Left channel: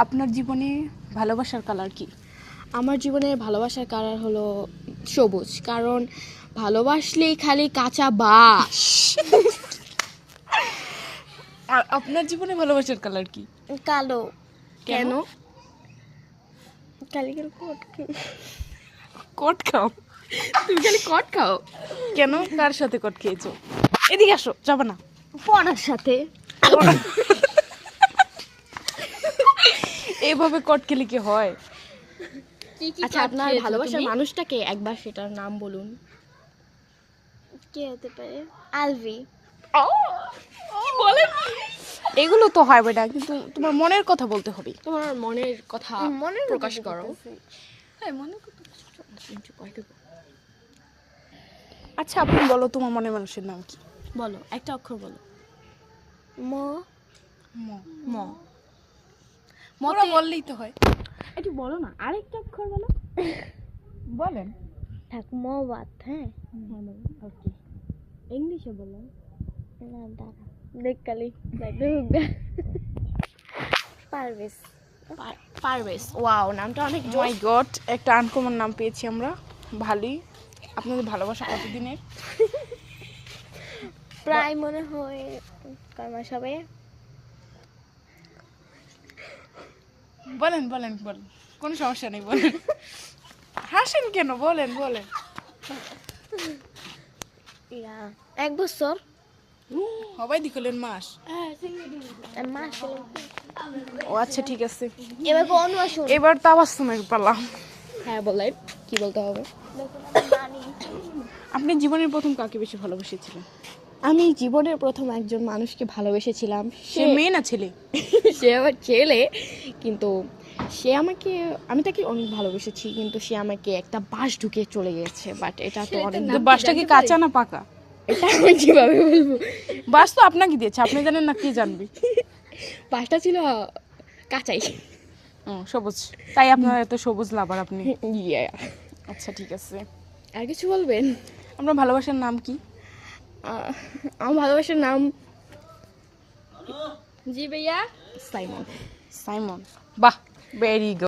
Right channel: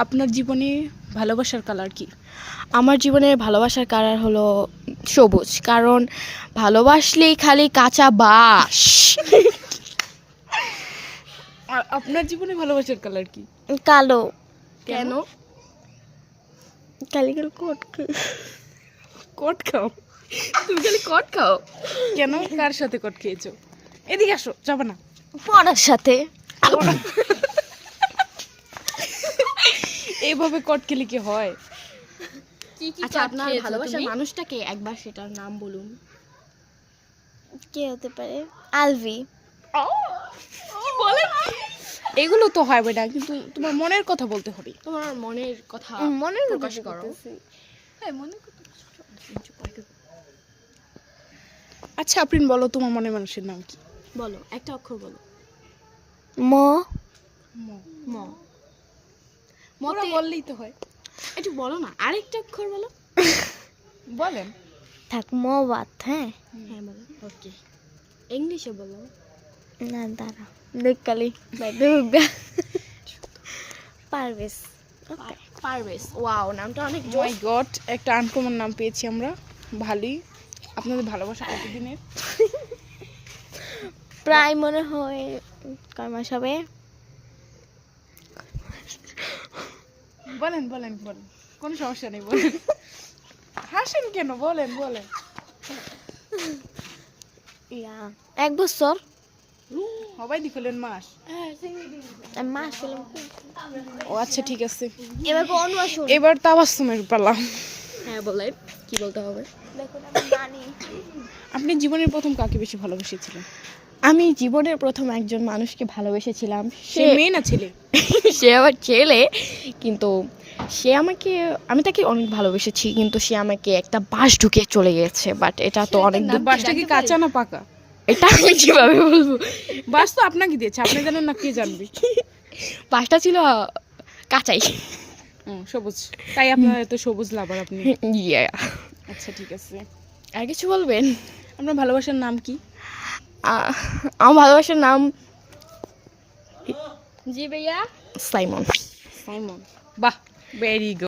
আপনার জীবনে ভালোবাসার কালার কি? আমার জীবনের ভালোবাসার কালার হলো সবুজ, কারণ ভালোবাসলেই খালি কাঁচা বাঁশ। আর আপনার জীবনে ভালোবাসার কালার কি? কালো। কেন? খালি কট কট খাও? তুমি খালি কট খাও কেন? কার সাথে কট খেয়েছো? এদিকে আসো, যাবে না। পড়ার সাথে। এইভাবে কট খেলে কি হয়? আচ্ছা, আপনার ভালোবাসার মানুষটাকে একবার সেটার নাম বলুন। কে হতে পারে? আলভি। এগুলো তো হয় না, কিন্তু তোমার মনের কথা বলতে হবে। তোমার মনের কথা প্রকাশ করো। হ্যাঁ, মনের কথা। আচ্ছা, আপনি বলো তোমার মনের মানুষের নাম কি? বলো, একটা অক্ষর বলো। ম। ম মোরা বললেই তো হয়। একটু বলো না, আরেকটা অক্ষর বলো। বলেন। থাক, ম বাদ। হ্যাঁ হ্যাঁ বলো। ওকে, ইংলিশে বলো। না দাঁড়া, দেখ কালি পারভেজ। পারভেজ, ওয়াও, নামটা অনেক মাই গড, একটা আনকমন নাম পেয়েছি আমরা। ভালোই। আপনাদের ভালোবাসা কতদিনের? প্রায় মনে হয় কয় মাস হবে। বলেন বলেন বলেন, কোনো সমস্যা নেই, বলেন। হাসেন কেন? বলেন বলেন। 1 বছর। সবাই দিখলেন মাস। মাস হলো। ও আচ্ছা, ঠিক আছে। এবার বলো, আসুন। এবার তো আবার সময় পেলাম। হ্যাঁ বলেন, কি বলতে হবে? আপনি জীবনের প্রথম কাকে বেশি ভালোবেসেছিলেন? আমি জীবনের প্রথম একজন মানুষকে ভালোবেসেছিলাম। সে মেয়ে না ছেলে? সে আমার ছেলে, কিন্তু সে আমাকে, আমি তাকে অনেক ভালোবেসেছি, কিন্তু সে আমাকে একটা বাঁশ ঢুকে চলে গেছে। বাট এটা তো অনেক বাসটা কি কাঁচা না পাকা? এটা আমি কিভাবে বলবো? বাস তো আপনাকে দিয়েছে, আপনি জানেন না, কে জানবে? বাঁশটা ছিল কাঁচাই। সবুজ, তাই আপনার এত সবুজ লাভার আপনি। ইয়া। আচ্ছা, ঠিক আছে। আর কিছু বলবেন? আপনার ভালোবাসার নাম কি? আমার ভালোবাসার নাম, জি ভাইয়া, সাইমন। সাইমন। বাহ, ভেরি গুড।